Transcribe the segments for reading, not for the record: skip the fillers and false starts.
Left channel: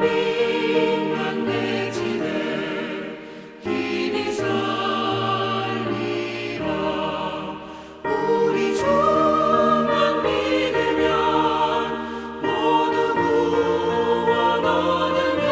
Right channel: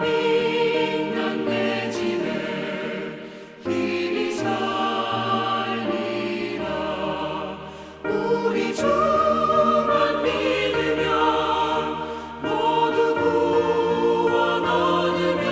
빈간 내 집에 힘이 살리라. 우리 주만 믿으면 모두 구원 얻으며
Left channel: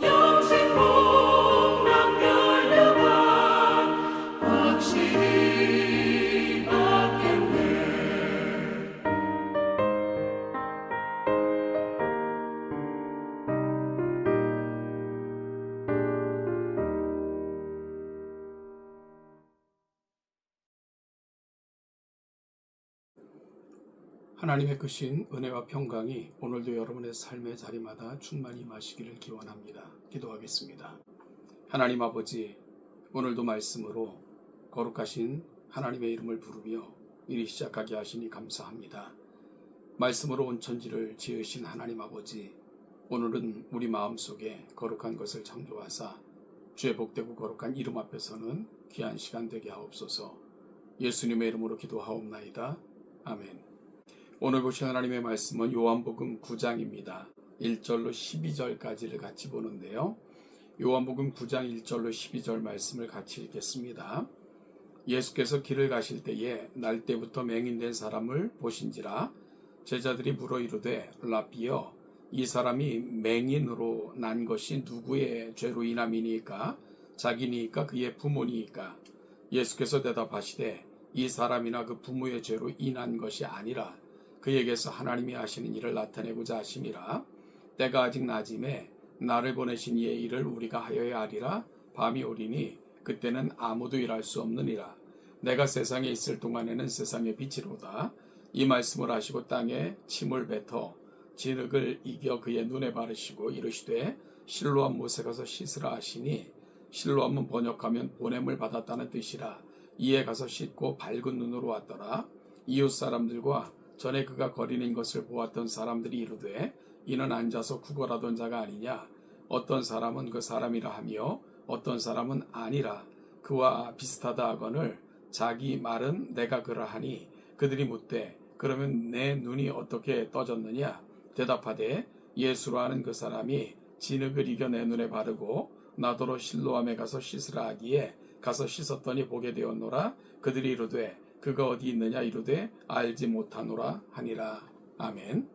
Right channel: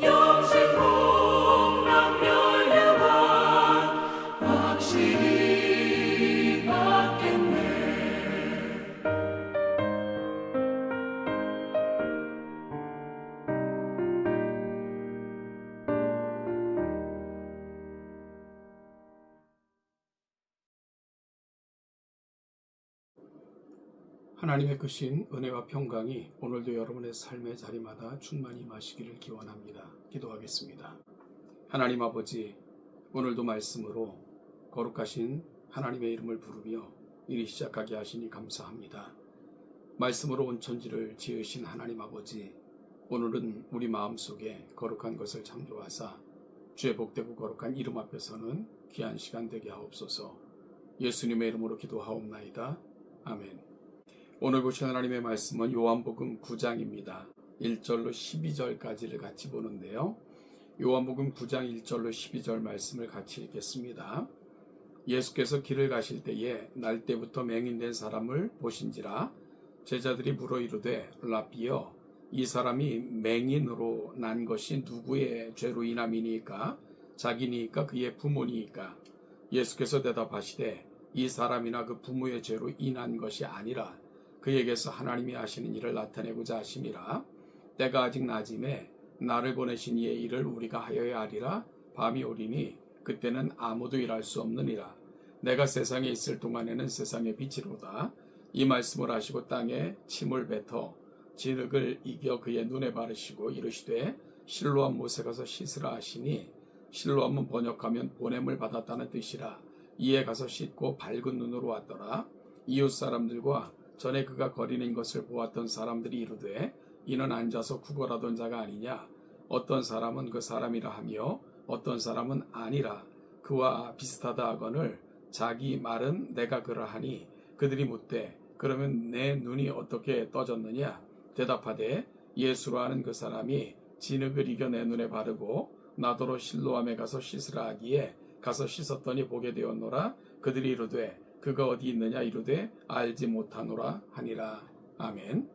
영생 복락 열려가 확실히 받겠네. 하나님의 크신 은혜와 평강이 오늘도 여러분의 삶의 자리마다 충만히 임하시기를 기원합니다. 기도하겠습니다. 하나님 아버지, 오늘도 말씀으로 거룩하신 하나님의 이름을 부르며 일이 시작하게 하시니 감사합니다. 말씀으로 온 천지를 지으신 하나님 아버지, 오늘은 우리 마음속에 거룩한 것을 창조하사 주의 복되고 거룩한 이름 앞에서는 귀한 시간 되게 하옵소서. 예수님의 이름으로 기도하옵나이다. 아멘. 오늘 보신 하나님의 말씀은 요한복음 9장입니다. 1절로 12절까지를 같이 보는데요. 요한복음 9장 1절로 12절 말씀을 같이 읽겠습니다. 예수께서 길을 가실 때에 날 때부터 맹인된 사람을 보신지라. 제자들이 물어 이르되 라비여, 이 사람이 맹인으로 난 것이 누구의 죄로 인함이니까? 자기니까 그의 부모니까? 예수께서 대답하시되 이 사람이나 그 부모의 죄로 인한 것이 아니라 그에게서 하나님이 하시는 일을 나타내고자 하심이라. 때가 아직 낮음에 나를 보내신 이의 일을 우리가 하여야 하리라. 밤이 오리니 그때는 아무도 일할 수 없느니라. 내가 세상에 있을 동안에는 세상의 빛이로다. 이 말씀을 하시고 땅에 침을 뱉어 진흙을 이겨 그의 눈에 바르시고 이르시되 실로암 못에 가서 씻으라 하시니, 실로암은 번역하면 보냄을 받았다는 뜻이라. 이에 가서 씻고 밝은 눈으로 왔더라. 이웃 사람들과 전에 그가 거리는 것을 보았던 사람들이 이르되 이는 앉아서 구걸하던 자가 아니냐? 어떤 사람은 그 사람이라 하며 어떤 사람은 아니라 그와 비슷하다 하거늘 자기 말은 내가 그러하니. 그들이 묻되 그러면 내 눈이 어떻게 떠졌느냐? 대답하되 예수로 하는 그 사람이 진흙을 이겨 내 눈에 바르고 나더러 실로암에 가서 씻으라 하기에 가서 씻었더니 보게 되었노라. 그들이 이르되 그가 어디 있느냐? 이르되 알지 못하노라 하니라. 아멘.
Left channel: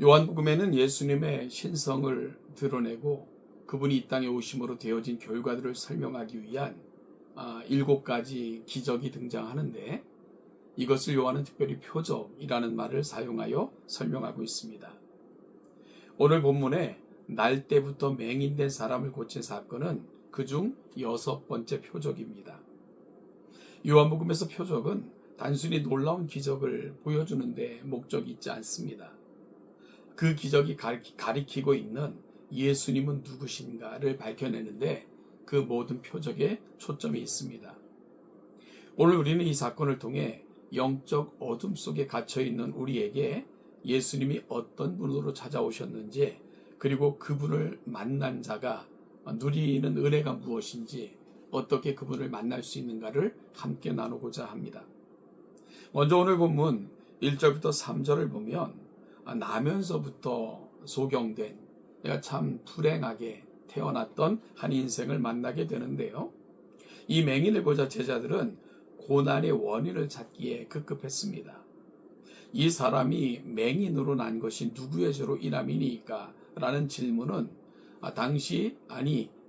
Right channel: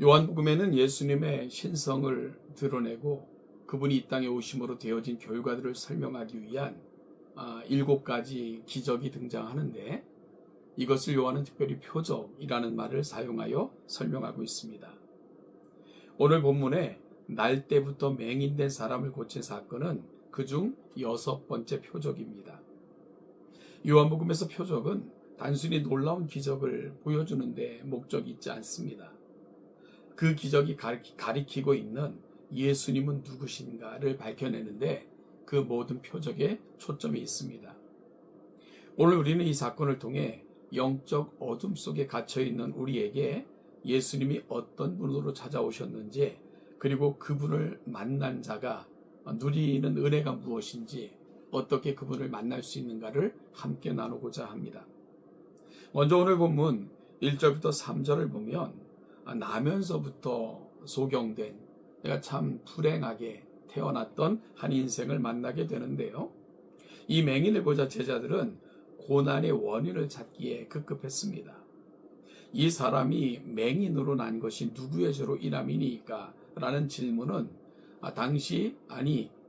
요한복음에는 예수님의 신성을 드러내고 그분이 이 땅에 오심으로 되어진 결과들을 설명하기 위한 7가지 기적이 등장하는데, 이것을 요한은 특별히 표적이라는 말을 사용하여 설명하고 있습니다. 오늘 본문에 날 때부터 맹인된 사람을 고친 사건은 그중 6번째 표적입니다. 요한복음에서 표적은 단순히 놀라운 기적을 보여주는 데 목적이 있지 않습니다. 그 기적이 가리키고 있는 예수님은 누구신가를 밝혀내는데 그 모든 표적에 초점이 있습니다. 오늘 우리는 이 사건을 통해 영적 어둠 속에 갇혀있는 우리에게 예수님이 어떤 분으로 찾아오셨는지, 그리고 그분을 만난 자가 누리는 은혜가 무엇인지, 어떻게 그분을 만날 수 있는가를 함께 나누고자 합니다. 먼저 오늘 본문 1절부터 3절을 보면 나면서부터 소경된, 내가 참 불행하게 태어났던 한 인생을 만나게 되는데요. 이 맹인을 보자 제자들은 고난의 원인을 찾기에 급급했습니다. 이 사람이 맹인으로 난 것이 누구의 죄로 인함이니까? 라는 질문은 당시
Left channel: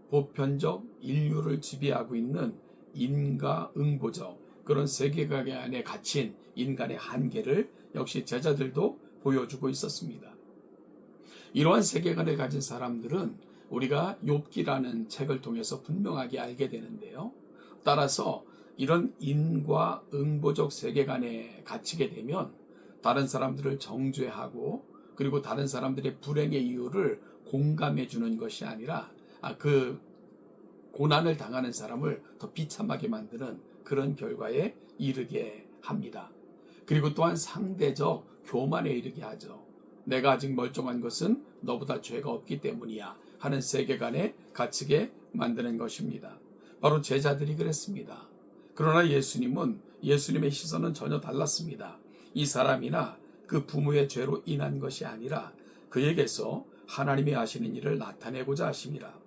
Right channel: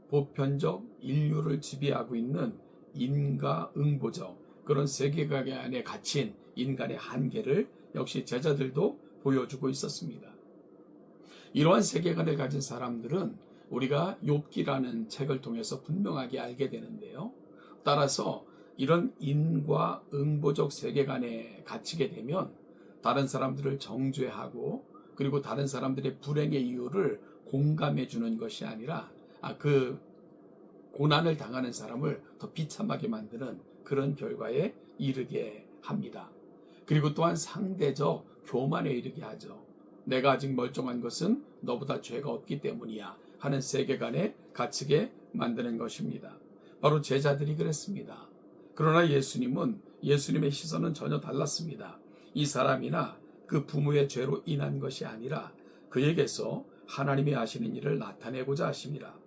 보편적 인류를 지배하고 있는 인과응보적 그런 세계관에 안에 갇힌 인간의 한계를 역시 제자들도 보여주고 있었습니다. 이러한 세계관을 가진 사람들은 우리가 욥기라는 책을 통해서 분명하게 알게 되는데요. 따라서 이런 인과응보적 세계관에 갇히게 되면 다른 사람들을 정죄하고, 그리고 다른 사람들의 불행의 이유를 공감해 주는 것이 아니라 그 고난을 당하는 사람을 더 비참하게 만드는 그런 결과에 이르게 합니다. 그리고 또한 상대적 교만에 이르게 하죠. 내가 아직 멀쩡한 것은 너보다 죄가 없기 때문이야 하는 세계관에 갇히게 만드는 것입니다. 바로 제자들이 그랬습니다. 그러나 예수님의 시선은 전혀 달랐습니다. 이 사람이나 그 부모의 죄로 인한 것이 아니라 그에게서 하나님이 하시는 일을 나타내고자 하심이라.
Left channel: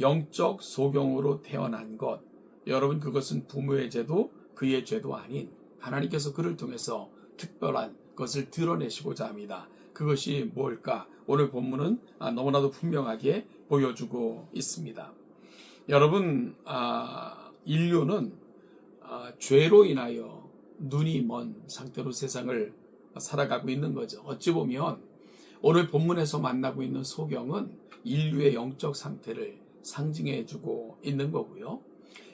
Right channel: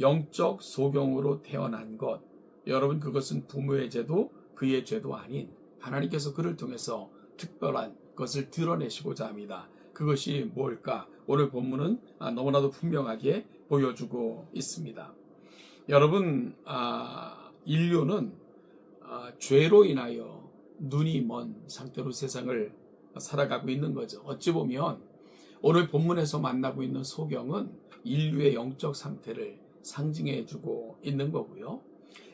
영적 소경으로 태어난 것, 여러분 그것은 부모의 죄도 그의 죄도 아닌 하나님께서 그를 통해서 특별한 것을 드러내시고자 합니다. 그것이 뭘까? 오늘 본문은 너무나도 분명하게 보여주고 있습니다. 여러분, 인류는 죄로 인하여 눈이 먼 상태로 세상을 살아가고 있는 거죠. 어찌 보면 오늘 본문에서 만나고 있는 소경은 인류의 영적 상태를 상징해주고 있는 거고요.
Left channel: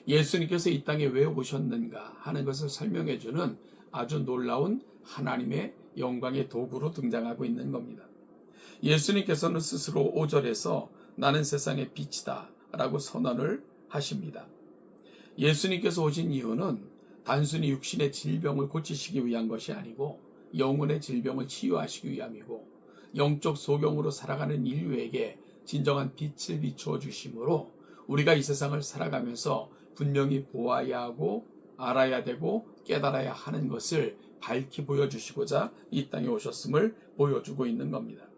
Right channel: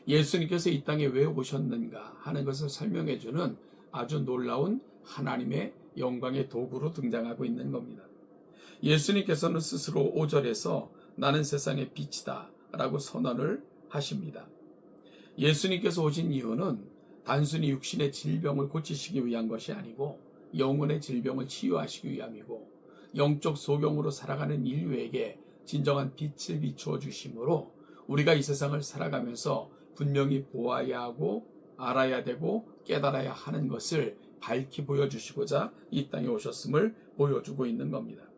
예수님께서 이 땅에 왜 오셨는가 하는 것을 설명해주는 아주 놀라운 하나님의 영광의 도구로 등장하고 있는 겁니다. 예수님께서는 스스로 5절에서 나는 세상의 빛이다 라고 선언을 하십니다. 예수님께서 오신 이유는 단순히 육신의 질병을 고치시기 위한 것이 아니고 영혼의 질병을 치유하시기 위함이고 영적 소경으로 살아가는 인류에게 진정한 빛을 비추어 주심으로 우리가 이 세상을 살아가면서 분명히 보아야 하고 알아야 되고 깨달아야 하는 것을 밝히 보여주시고자 이 땅에 오셨음을 보여주고 있는 겁니다.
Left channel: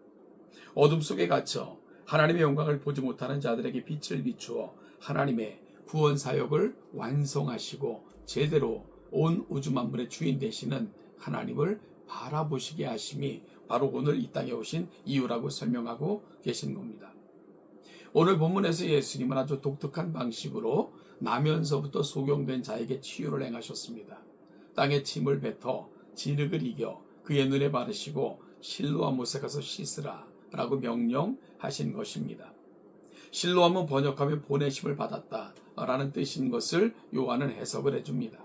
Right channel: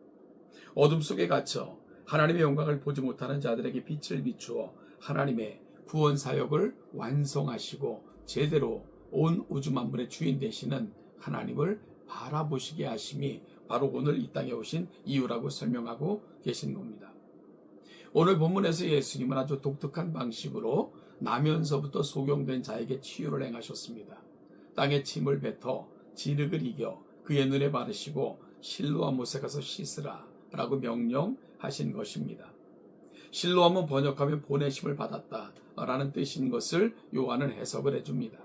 어둠 속에 갇혀 하나님의 영광을 보지 못하는 자들에게 빛을 비추어 하나님의 구원 사역을 완성하시고 제대로 온 우주 만물의 주인 되시는 하나님을 바라보시게 하심이 바로 오늘 이 땅에 오신 이유라고 설명하고 계신 겁니다. 오늘 본문에서 예수님은 아주 독특한 방식으로 나면서부터 소경된 자에게 치유를 행하셨습니다. 땅에 침을 뱉어 진흙을 이겨 그의 눈에 바르시고 실로암 못에 가서 씻으라 라고 명령하신 것입니다. 실로암은 번역하면 보내심을 받았다 라는 뜻인 것을 요한은 해석을 해줍니다.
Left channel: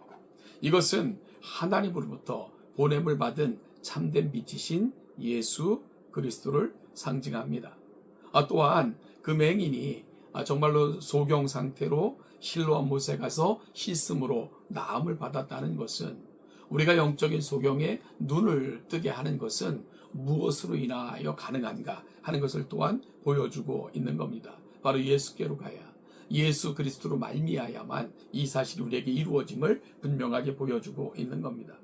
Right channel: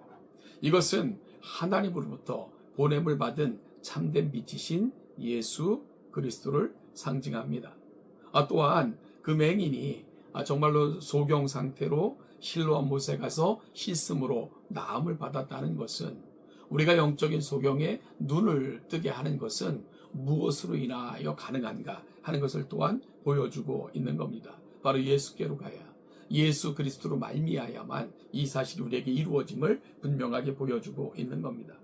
이것은 하나님으로부터 보냄을 받은 참된 빛이신 예수 그리스도를 상징합니다. 또한 그 맹인이 정말로 소경 상태로 실로암 못에 가서 씻음으로 나음을 받았다는 것은 우리가 영적인 소경에 눈을 뜨게 하는 것은 무엇으로 인하여 가능한가 하는 것을 또한 보여주고 있는 겁니다. 바로 예수께로 가야 예수 그리스도로 말미암아야만 이 사실이 우리에게 이루어짐을 분명하게 보여주고 있는 겁니다.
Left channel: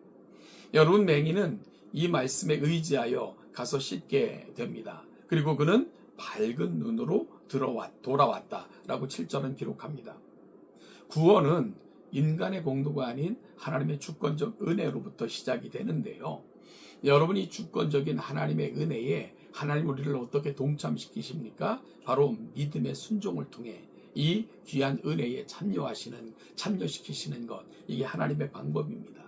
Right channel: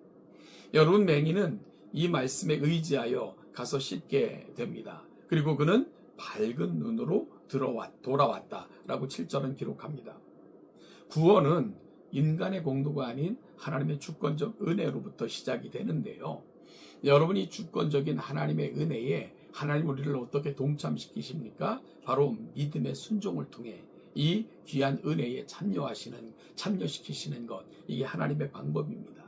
여러분, 맹인은 이 말씀에 의지하여 가서 씻게 됩니다. 그리고 그는 밝은 눈으로 돌아왔다라고 7절은 기록합니다. 구원은 인간의 공로가 아닌 하나님의 주권적 은혜로부터 시작이 되는데요. 여러분이 주권적인 하나님의 은혜에 하나님 우리를 어떻게 동참시키십니까? 바로 믿음의 순종을 통해 이 귀한 은혜에 참여시키시는 것, 이게 하나님의 방법입니다.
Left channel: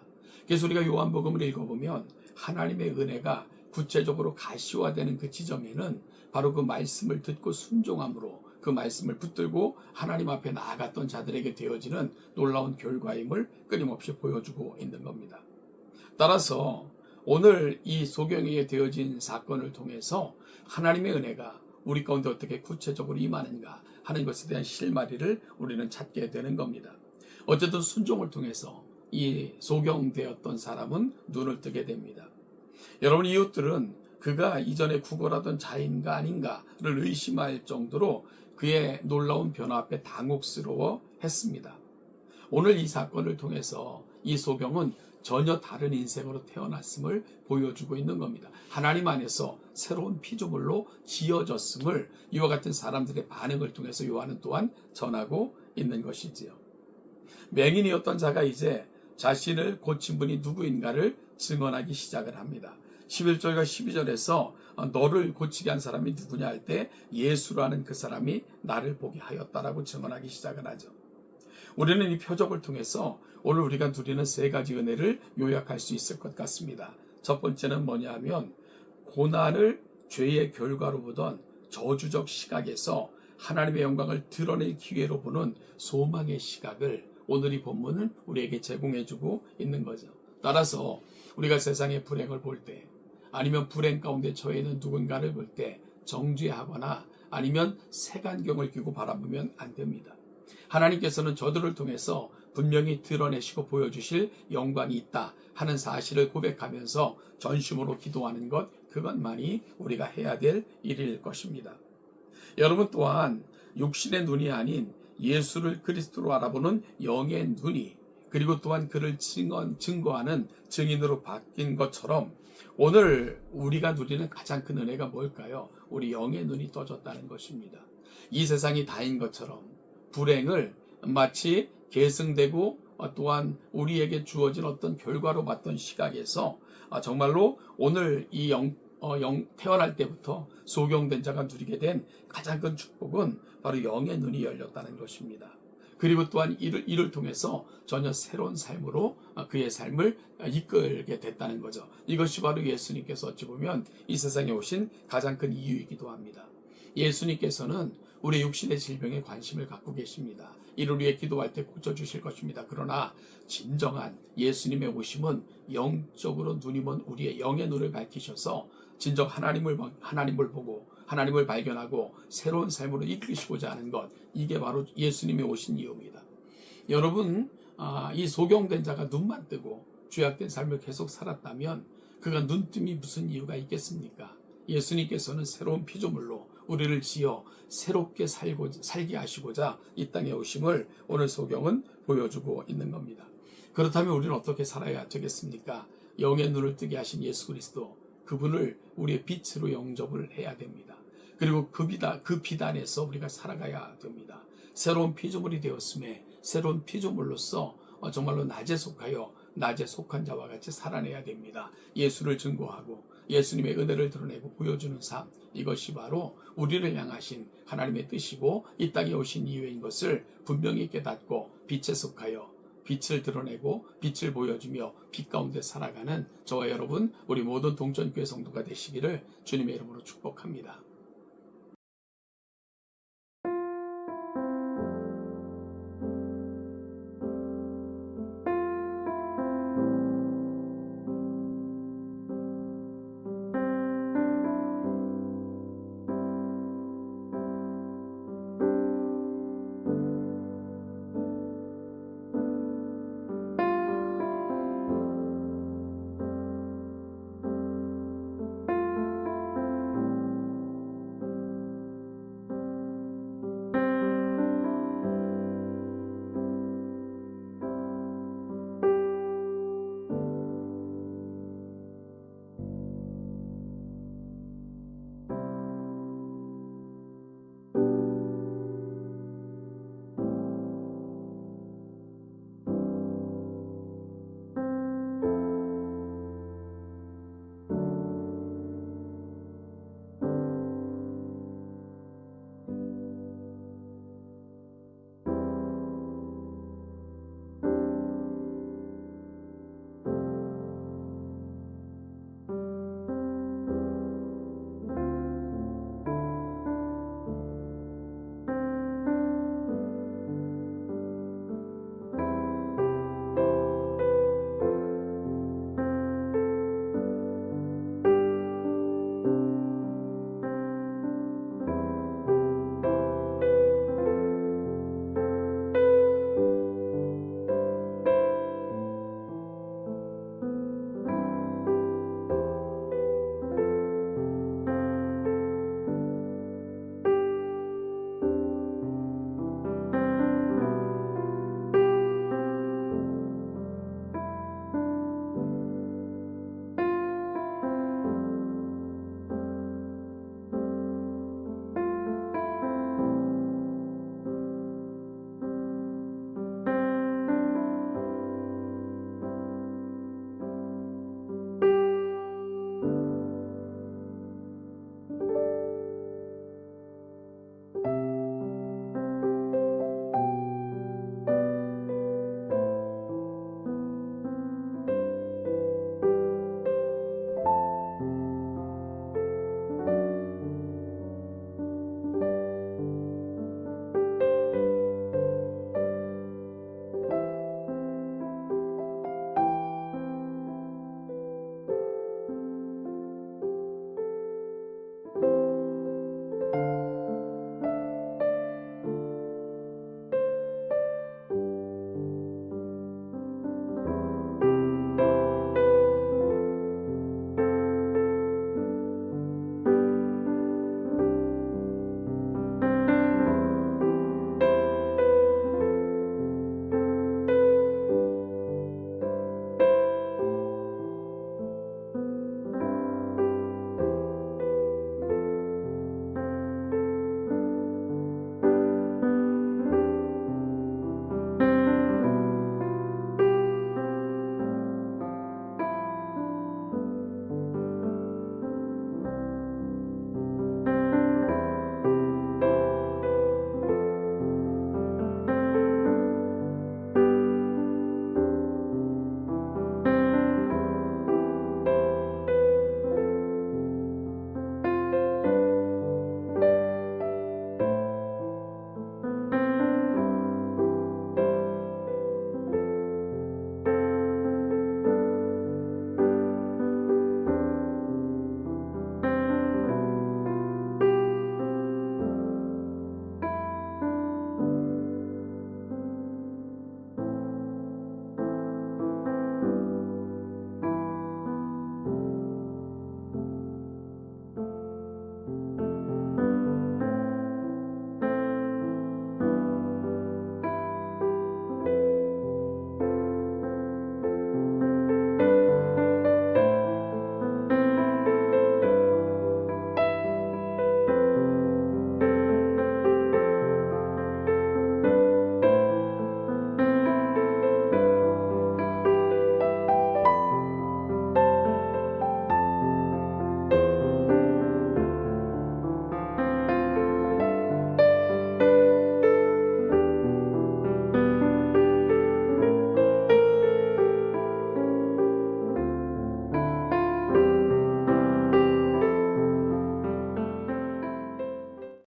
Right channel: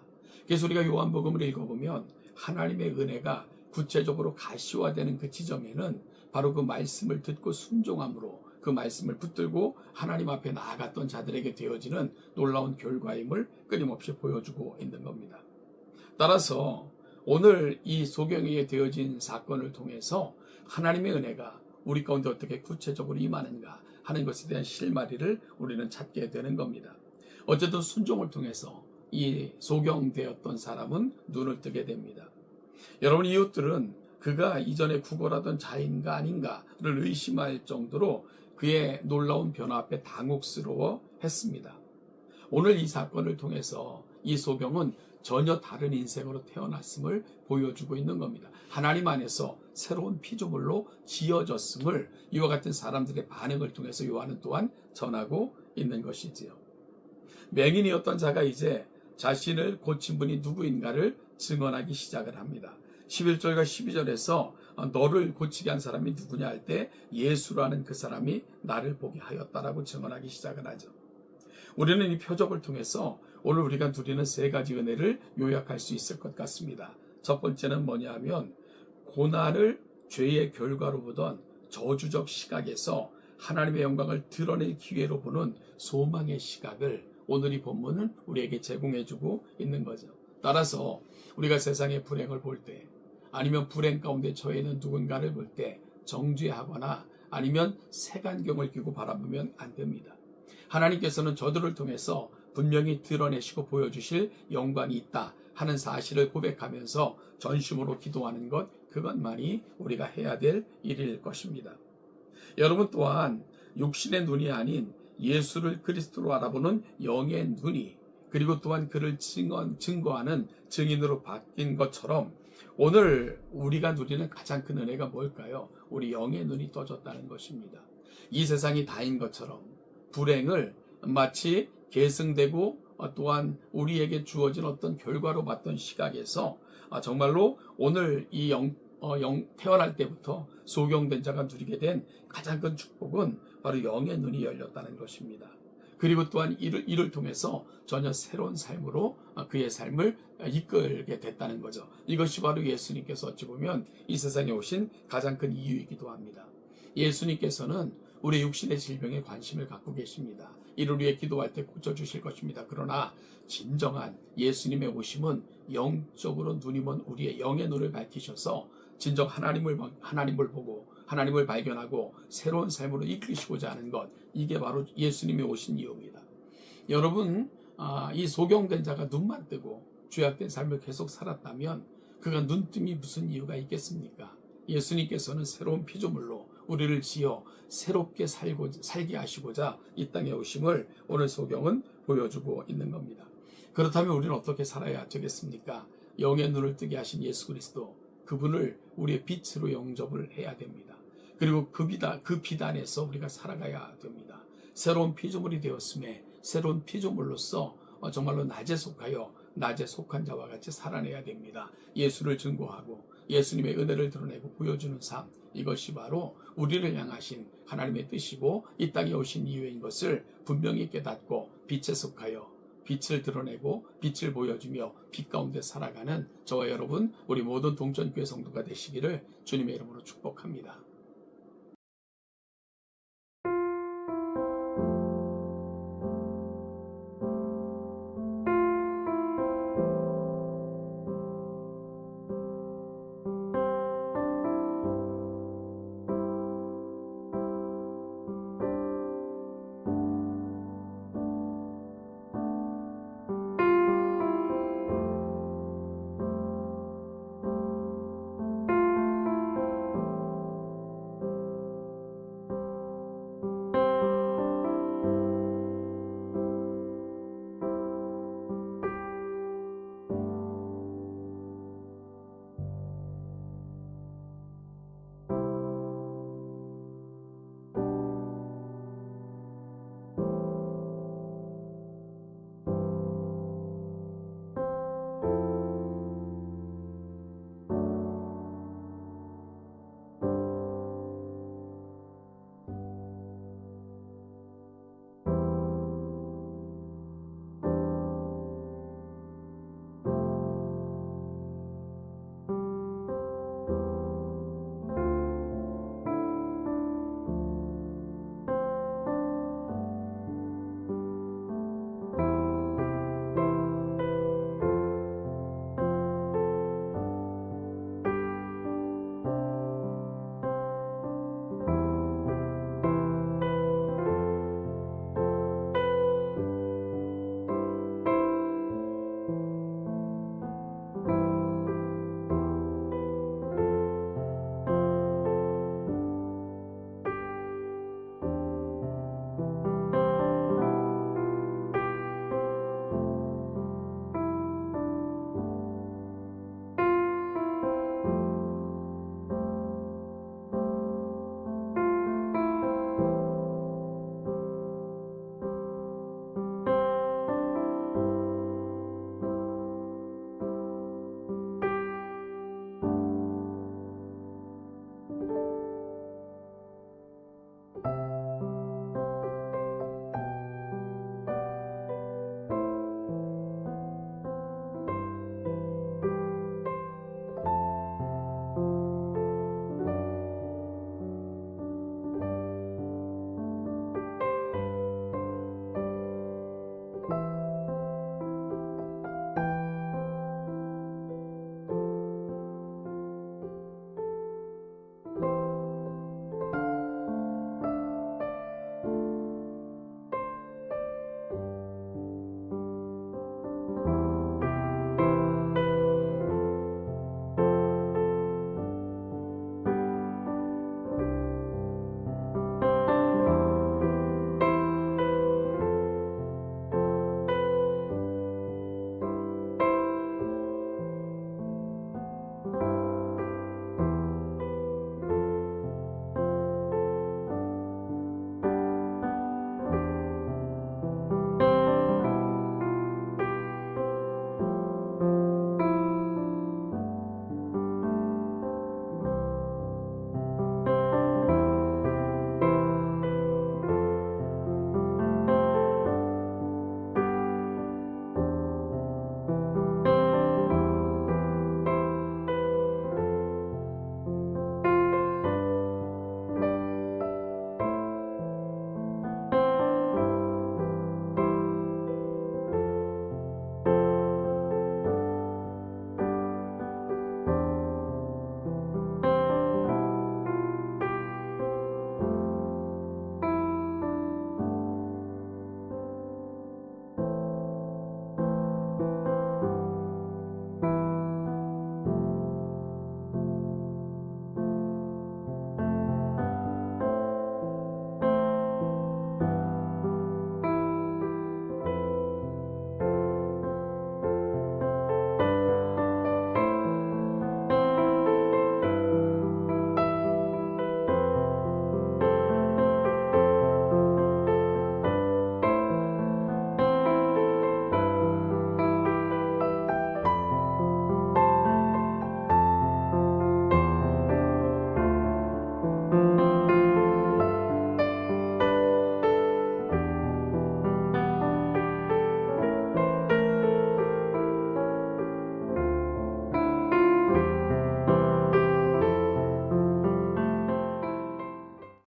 그래서 우리가 요한복음을 읽어보면 하나님의 은혜가 구체적으로 가시화되는 그 지점에는 바로 그 말씀을 듣고 순종함으로 그 말씀을 붙들고 하나님 앞에 나아갔던 자들에게 되어지는 놀라운 결과임을 끊임없이 보여주고 있는 겁니다. 따라서 오늘 이 소경에게 되어진 사건을 통해서 하나님의 은혜가 우리 가운데 어떻게 구체적으로 임하는가 하는 것에 대한 실마리를 우리는 찾게 되는 겁니다. 어쨌든 순종을 통해서 이 소경되었던 사람은 눈을 뜨게 됩니다. 여러분, 이웃들은 그가 이전에 구걸하던 자인가 아닌가를 의심할 정도로 그의 놀라운 변화 앞에 당혹스러워 했습니다. 오늘 이 사건을 통해서 이 소경은 전혀 다른 인생으로 태어났음을 보여주고 있는 겁니다. 하나님 안에서 새로운 피조물로 지어졌음을 이와 같은 사람들의 반응을 통해서 요한은 또한 전하고 있는 것이지요. 맹인이었던 자가 이제 자신을 고친 분이 누구인가를 증언하기 시작을 합니다. 11절과 12절에서 너를 고치게 한 사람이 누구냐 할 때 예수라는 그 사람이 나를 보게 하였다라고 증언하기 시작을 하죠. 우리는 이 표적을 통해서 오늘 우리가 누리는 세 가지 은혜를 요약할 수 있을 것 같습니다. 첫 번째는 뭐냐 하면 고난을 죄의 결과로 보던 저주적 시각에서 하나님의 영광을 드러낼 기회로 보는 소망의 시각을 오늘 이 본문은 우리에게 제공해주고 있는 거죠. 따라서 우리가 세상의 불행을 볼 때 아니면 불행 가운데 처해 있는 누군가를 볼 때 정죄하거나 아니면 색안경을 끼고 바라보면 안 됩니다. 하나님께서는 저들을 통해서 분명히 드러내시고 보여주실 영광이 있다 하는 사실을 고백하면서 전심으로 기도하는 것, 그것만이 우리가 해야 될 일일 것입니다. 여러분 또한 육신의 눈이 아닌 예수를 그리스도로 알아보는 영의 눈이 그리고 또한 그를 증거하는 증인으로 바뀐 것처럼 오늘 우리가 누리는 가장 큰 은혜가 뭘까요? 우리 영의 눈이 떠졌다는 것입니다. 이 세상이 다인 것처럼 불행을 마치 계승되고 또한 우리에게 주어진 어떤 결과로 봤던 시각에서 정말로 오늘 이 태어날 때부터 소경된 자가 누리게 된 가장 큰 축복은 바로 영의 눈이 열렸다는 것입니다. 그리고 또한 이를 통해서 전혀 새로운 삶으로 그의 삶을 이끌게 됐다는 거죠. 이것이 바로 예수님께서 어찌 보면 이 세상에 오신 가장 큰 이유이기도 합니다. 예수님께서는 우리 육신의 질병에 관심을 갖고 계십니다. 이를 위해 기도할 때 고쳐주실 것입니다. 그러나 진정한 예수님의 오심은 영적으로 눈이 먼 우리의 영의 눈을 밝히셔서 진정 하나님을 보고 하나님을 발견하고 새로운 삶으로 이끄시고자 하는 것, 이게 바로 예수님이 오신 이유입니다. 여러분, 이 소경된 자가 눈만 뜨고 죄악된 삶을 계속 살았다면 그가 눈뜸이 무슨 이유가 있겠습니까? 예수님께서는 새로운 피조물로 우리를 지어 새롭게 살게 하시고자 이 땅에 오심을 오늘 소경은 보여주고 있는 겁니다. 그렇다면 우리는 어떻게 살아야 되겠습니까? 영의 눈을 뜨게 하신 예수 그리스도, 그분을 우리의 빛으로 영접을 해야 됩니다. 그리고 그 비단에서 우리가 살아가야 됩니다. 새로운 피조물이 되었음에 새로운 피조물로서 정말로 낮에 속한 자와 같이 살아내야 됩니다. 예수를 증거하고 예수님의 은혜를 드러내고 보여주는 삶, 이것이 바로 우리를 향하신 하나님의 뜻이고 이 땅에 오신 이유인 것을 분명히 깨닫고 빛에 속하여 빛을 드러내고 빛을 보여주며 빛 가운데 살아가는 저와 여러분, 우리 모든 동천교회 성도가 되시기를 주님의 이름으로 축복합니다.